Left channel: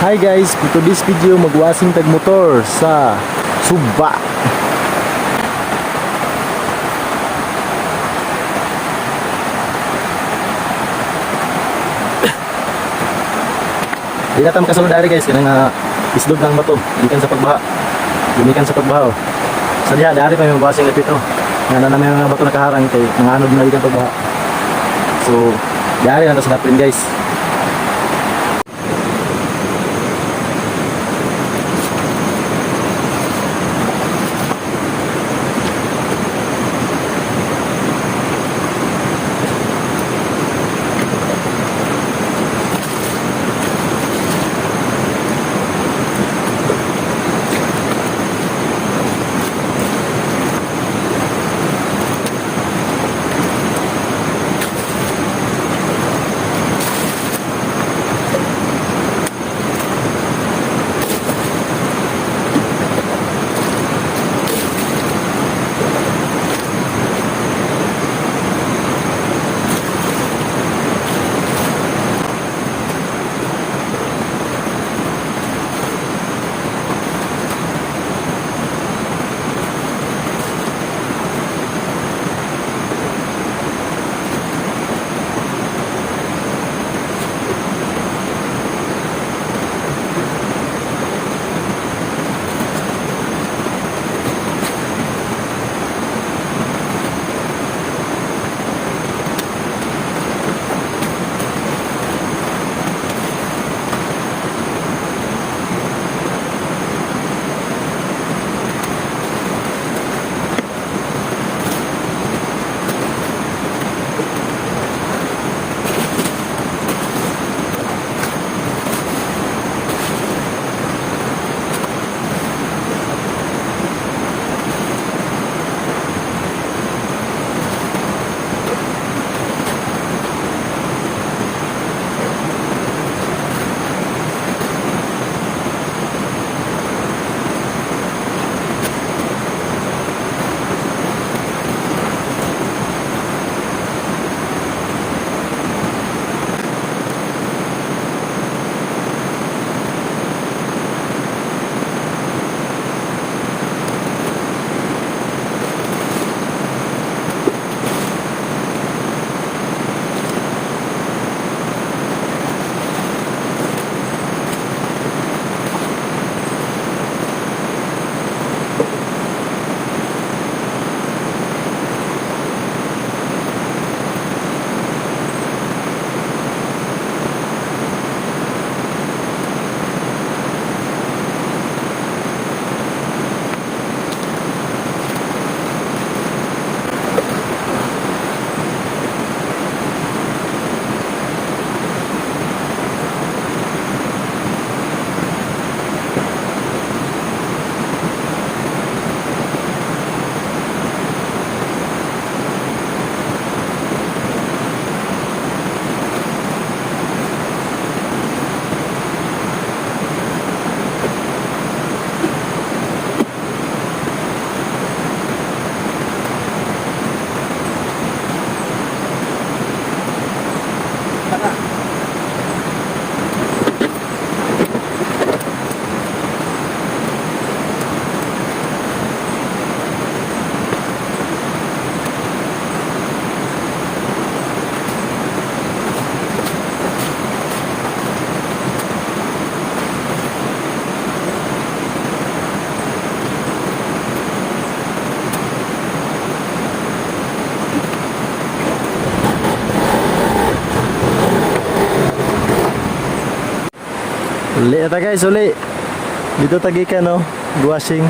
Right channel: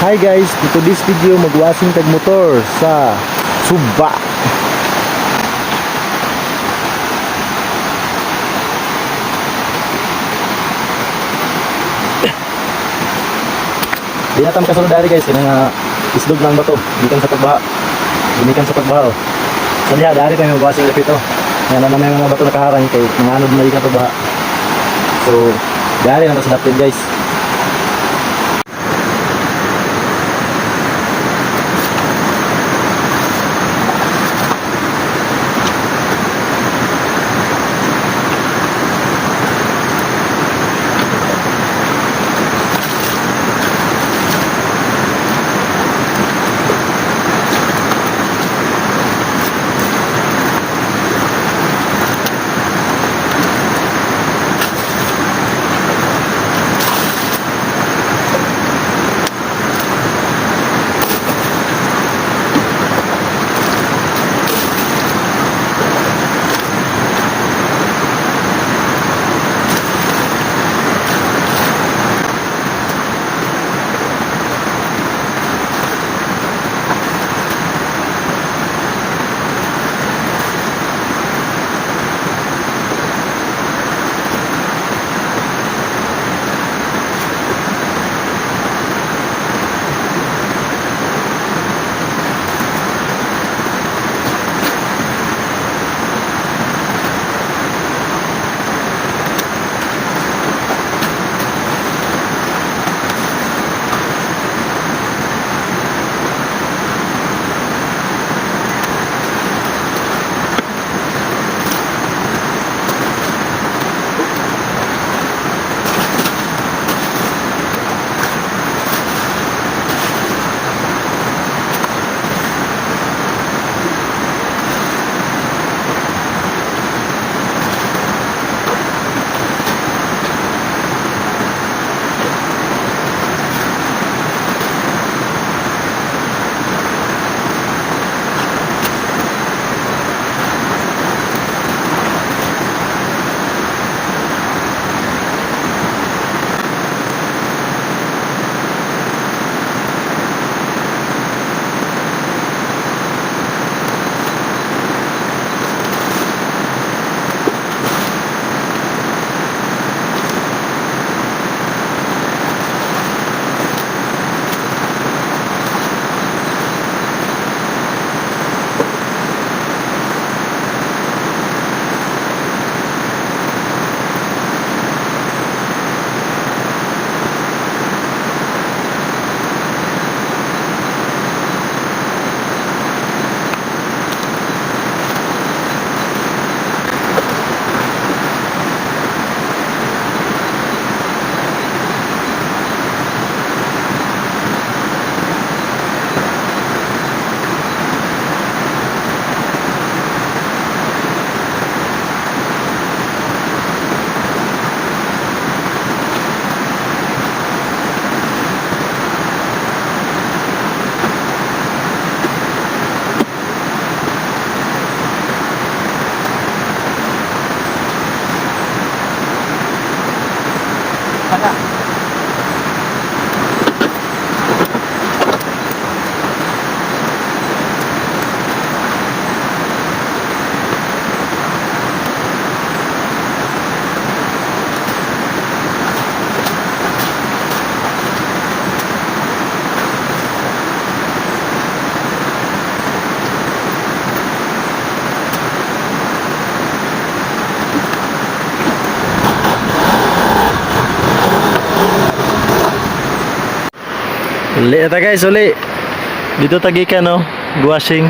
Hi guys, to this video magwasing tag motor sa Suba. Di na tam kasulod dari guys, kanang islog ng bato, gikan sa pagbaha. Gikan sa pagbaha. Sa diha dari pa may magwasing lepito. Na may mga bato nakaharang kay mga anod na gikan pagbaha. So, dari lang sa natin guys. Uli ata guys, uli. Dito tagikan no, washing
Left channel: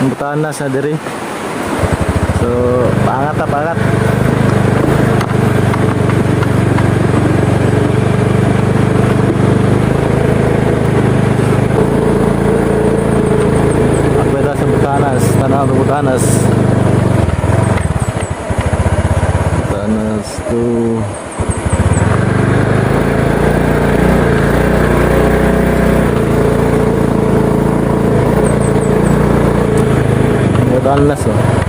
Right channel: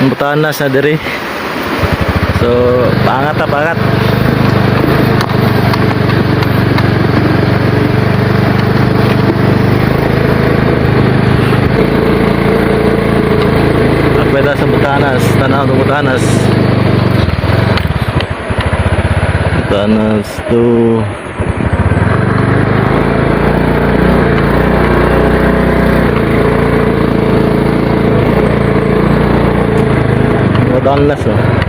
ang butanas na diri. So, pangat ta pangat. Akweda sa butanas, tanaw ng butanas. Butanas to Danlas oh.